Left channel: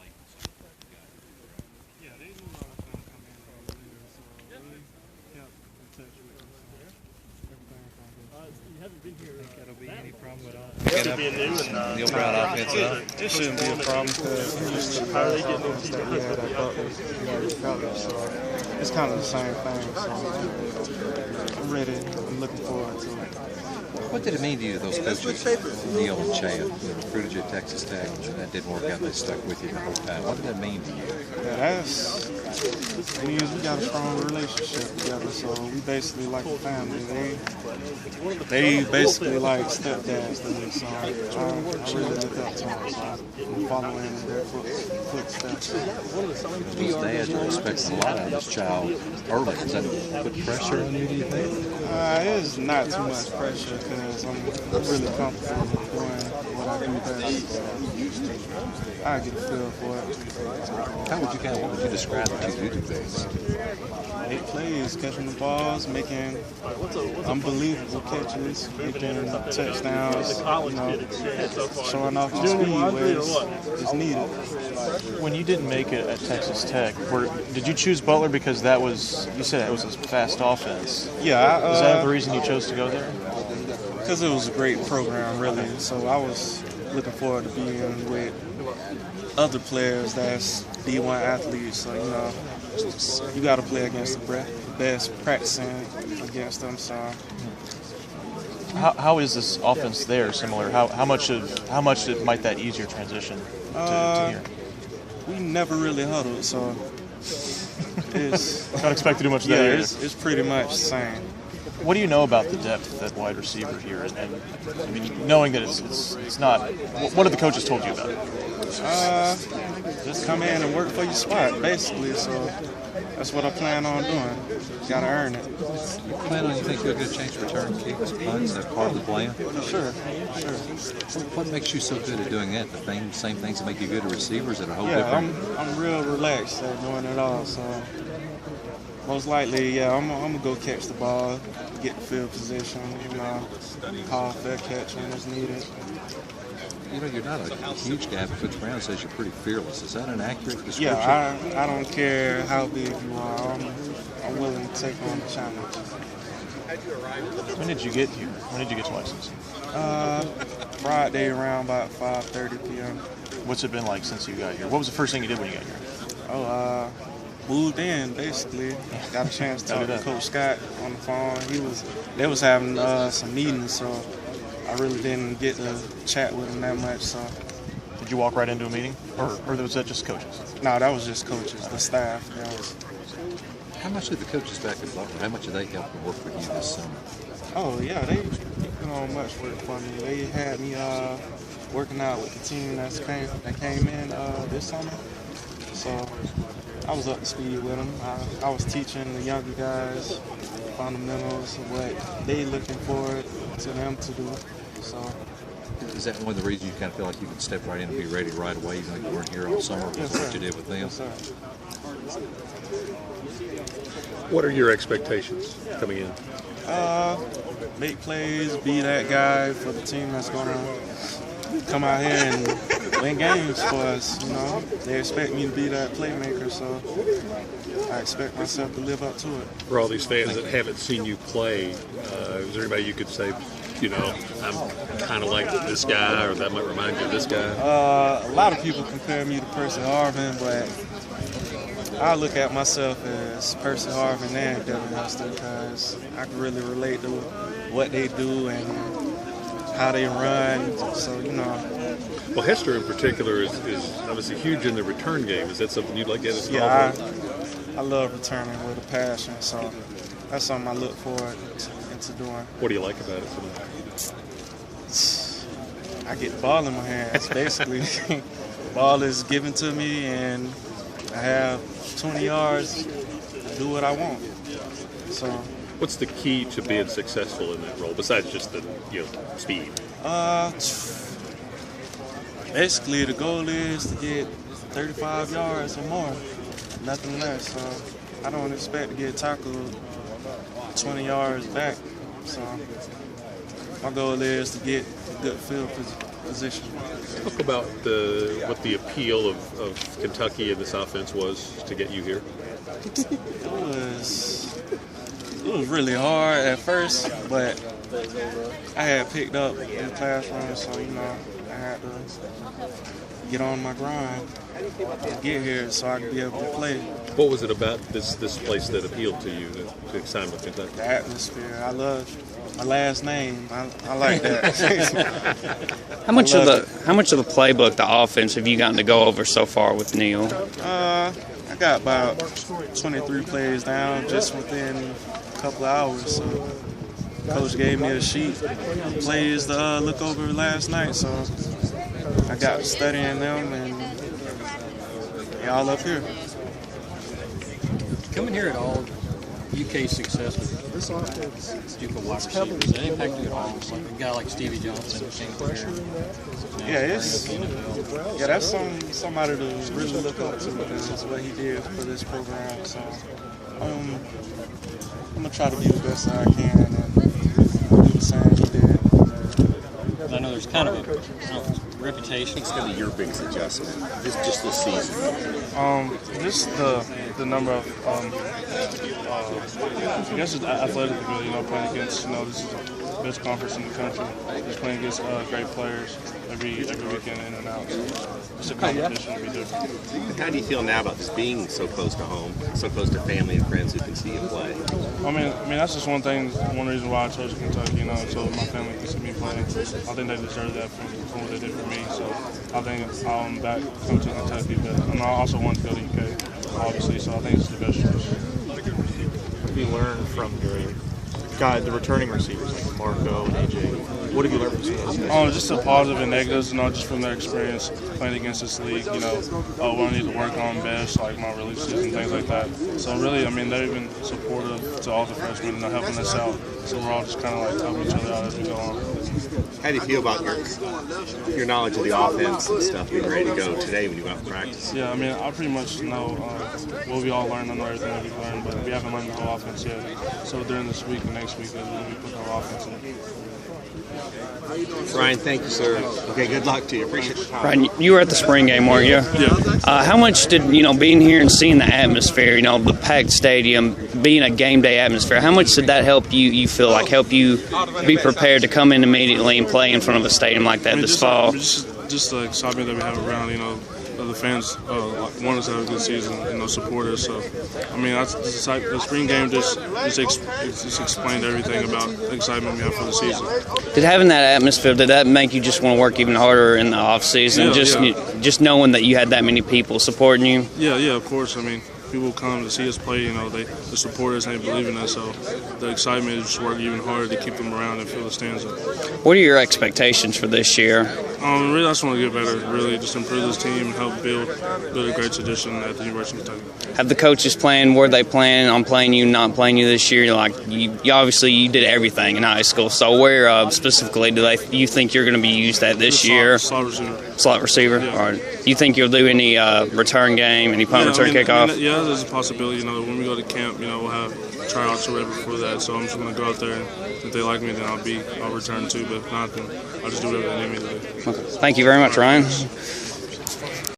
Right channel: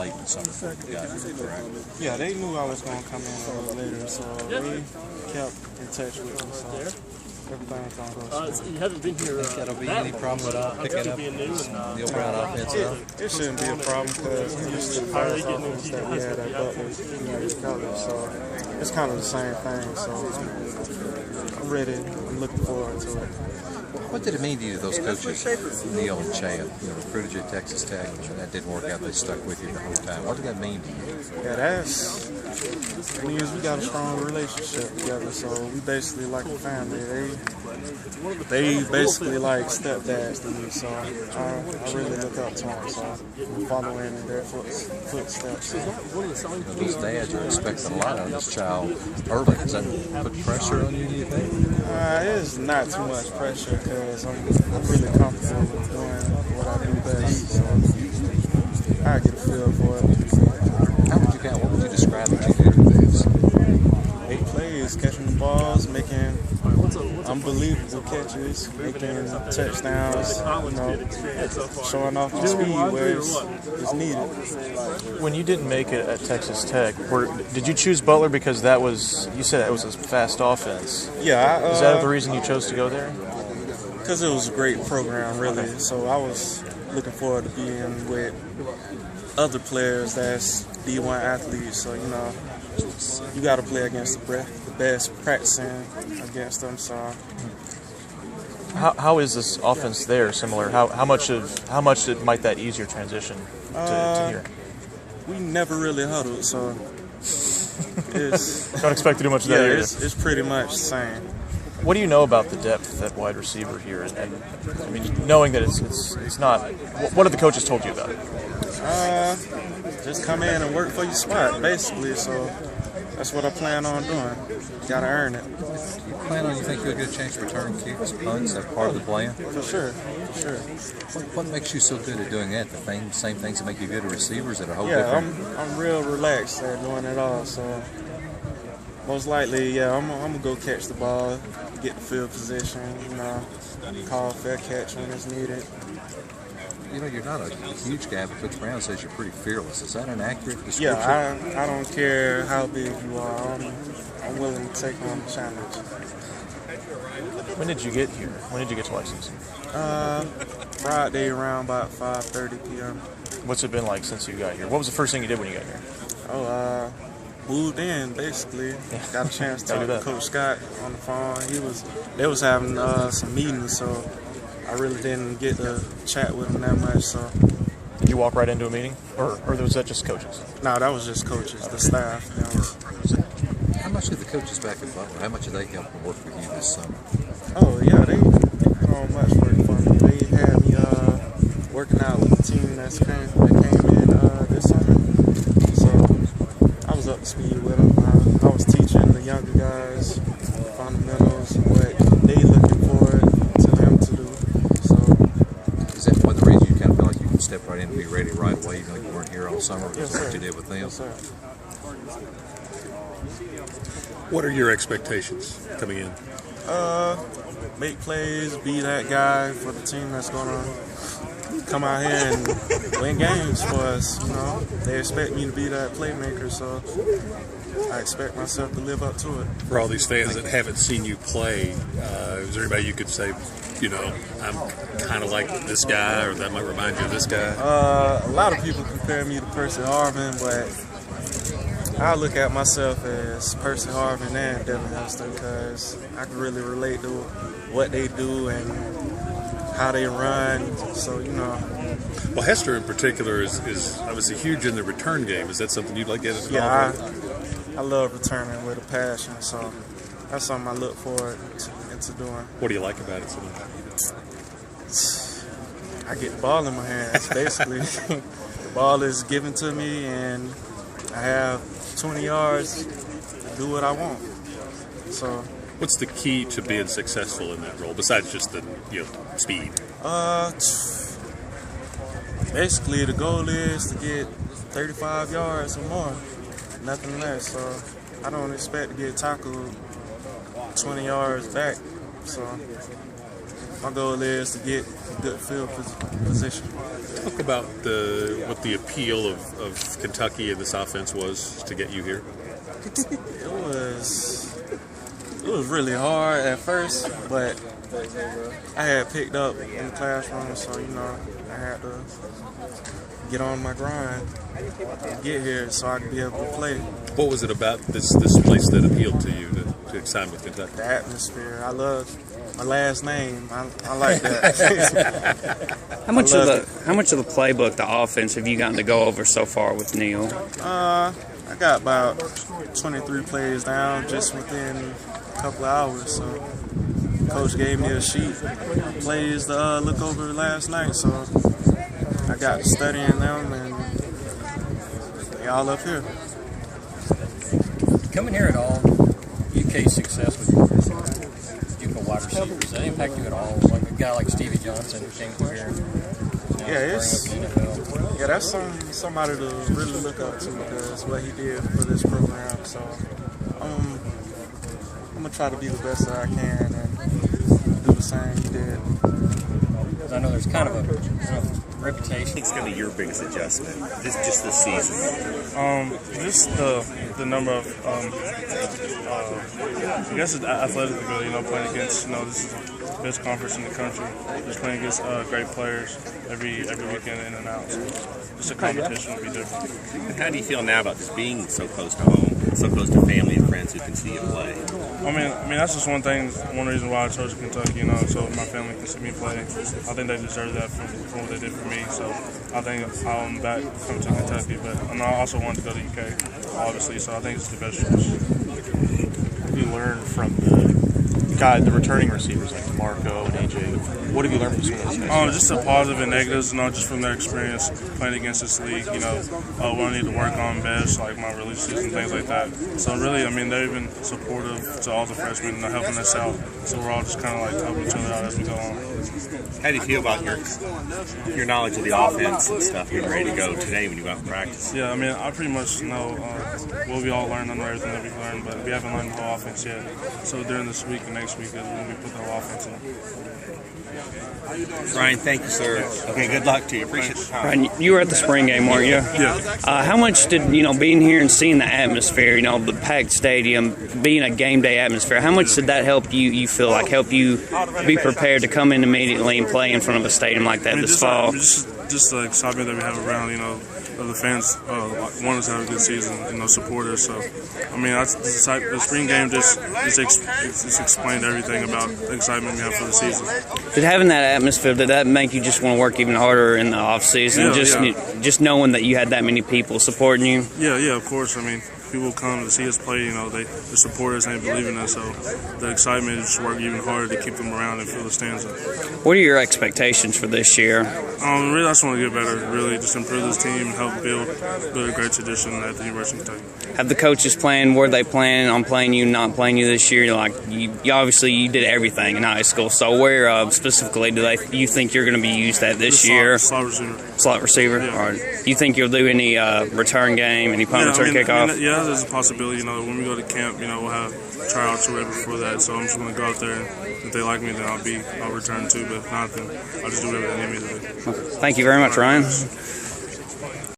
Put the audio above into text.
late in the summer before you got here, correct? Yeah, they knew I was going to come in a little later, so they kept in touch with me, so everything's going to go smooth. You haven't been here. That'll be any problem with Picking up being new and Neil Brown offense at all? It shouldn't be a problem because I'm used to the fast offense that we had at Butler College, so it's kind of the same thing, so I'm ready. I'm looking forward to it. What did it mean to you, those coaches, Neil and Chad, recruited you at Texas Tech, and that didn't work out, they stuck with you the whole time? What did that mean to you? Yeah, it means we got a strong relationship together, so we basically like a family. They basically like stepdads to me, so I really look up to them, so I'm following in their footsteps. So. Those dads are expecting a lot out of this child early. Does that put pressure on you, do you think? It's not too much pressure because I'm really comfortable with doing what I do best, so I get a feel for it. What would you describe the things? 8 plays, catching the balls, making unbelievable catches, making touchdowns, showing off the speed where it's needed. When you didn't make it at Texas Tech, did you choose Butler because you said it was a fast offense? Yeah. Is that the reason you chose to go there? Because it was a great program, really. So I was looking forward to being with other players that's D1 athletes. So, you got to play against the best, practicing against them. So, how is this offense there similar? How much might that ease your transition to here? We never really huddled, so it's don't expect to do much. Yeah, it's pretty much the same. What do you know about the depth at wide receiver here? And I mean, knowing that it's not. What have the coaches told you about it? Just come in and work for your spot, basically. So that's what I plan on doing. Got to earn it. You think you'll get a chance to return kicks, punts? That's part of the plan? For sure. What makes you so good at doing that? The same things that make you good at receivers that are whole different? I'm real relaxed at doing it all. So most likely, I'm going to go catch the ball, get the field position, call fair catch when it's needed. You're not a huge guy, but Coach Brown says you're pretty fearless. Is that an accurate description? Yeah, I don't care how big you are. I'm willing to take on the challenge. When did you get here? When did you get your license? Friday around about 5:30 p.m. What's it been like since you got here? What was the first thing you did when you got here? Moved in, basically. Got a chance to talk to Coach Scott on the phone. They was having some meetings, so I really didn't get to chat with him that much. So. Did you walk right into a meeting, or was that just coaches? No, that was just coaches, the staff. How much of the coaches back at Butler, how much did they help work with you this summer? Oh, yeah, they put on much work for me. They had me working out with the team that came in this summer. So I was up to speed with them. I was teaching the younger guys fundamentals, what they looking forward to them to do. So is that one of the reasons you kind of feel like you can step right in and be ready right away? You weren't here all summer. Yes, what you did with them. Yes, sir. What are your expectations coming in? Make plays, be that guy for the team that's gonna come out here and win games for us. They expect me to be that playmaker, so I expect myself to live up to it. For all these fans that haven't seen you play, is there anybody you could say, I'm kind of like this guy, or that might remind you of this guy? A lot of people compare me to Percy Harvin, but I look at myself as Percy Harvin and Devin Hester because I can really relate to what they do and how they run. So, Well, Hester in particular is obviously huge in the return game. Is that something you'd like to get? Yeah, I love returning with a passion. So that's something I look forward into doing. What do you like about it so much? I get the ball in my hands, basically. The ball is given to me, and I have 20 yards to do what I want. So, what's the key to being successful in that role besides just the speed? Basically, the goal is to get 35 yards or more, nothing less. So, I don't expect to get tackled 20 yards back. So, my goal is to get a good field position. Talk about what the appeal of Kentucky and this offense was to get you here. It was really hard at first, but I had picked up in the classroom, so I had to get on my grind and get here so I could be able to play. What was it about this place that appealed to you to sign with Kentucky? The atmosphere. I love my last name. I like that. How much of the playbook, the offense, have you gotten to go over so far with Neil? I got about 23 plays down just within a couple of hours. So coach gave me a sheet of plays to look over last night. So I got studying them, and they all up here. Coming here at all, UK's success with JUCO wide receivers, does that impact you at all? Like a guy like Stevie Johnson who came through here. That's somebody to really look up to, because what he did for this program. So I'm gonna try to be the best that I can and do the same he did. I know there's kind of a reputation. It's going to be your biggest adjustment, just this season. Just the number of, I guess it's athletic ability. Playing against, this is the best conference in the country. Just playing against great players every weekend in and out. So just a competition would be different. How do you feel now about just being so close to home, so close to family and friends who can see you play? I mean that's just one reason why I chose Kentucky. So my family can see me play. I think they deserve that from what they did for me. So I think I'm back coming to Kentucky, but I also want to go to UK, obviously. So I think it's the best choice. What have you learned from the returning receivers like Marco and AJ? What have you learned from some of those? Just the positive and negatives, just from their experience playing against this league, what I need to work on best, like my releases and things like that. So really, they've been supportive to all the freshmen and helping us out. So we're all just kind of like helping each other out as we go on. How do you feel about your knowledge of the offense and stuff getting ready to go today when you go out and practice? Yeah, I pretty much know what we all learned. I know everything that we've learned, but we haven't learned the whole offense yet. So during this week and next week is when we put the whole offense in. Ryan, thank you, sir. Okay, good luck to you. Appreciate the time. Ryan, you were at the spring game, weren't you? Yeah. How much did, being here and seeing the atmosphere, the packed stadium, being a game day atmosphere, how much did that help you feel like, help you be prepared to come in immediately and play in front of a stadium like that this fall? Just the excitement that we have around, the fans want us to have a good season, support us. So, the spring game just explained everything about the excitement we have for the season. Did having that atmosphere, did that make you just want to work even harder in the off season? Just knowing that you had that many people supporting you? Yeah, of course. People come to see us play, they support us and they believe in us. So the excitement is just work even harder to keep them around and fill the stands up. What are your expectations for this year? Really, I just want to get better. Really, just improve this team and help build a great tradition at the University of Kentucky. Have the coaches were they planning on playing you, not playing you this year? You obviously you did everything in high school. So where specifically do you think you're going to be used at this year? Slot receiver. Slot receiver. Yeah. Or you think you'll do any return game, any punt return kickoff? Yeah, there's a possibility. When we go to camp, we'll have tryouts or whatever for that. So I'm just going to go out there, and if they like me, then I'll return too. But if not, then I'll just do whatever they need me to do. Okay. Thank you very much, Ryan.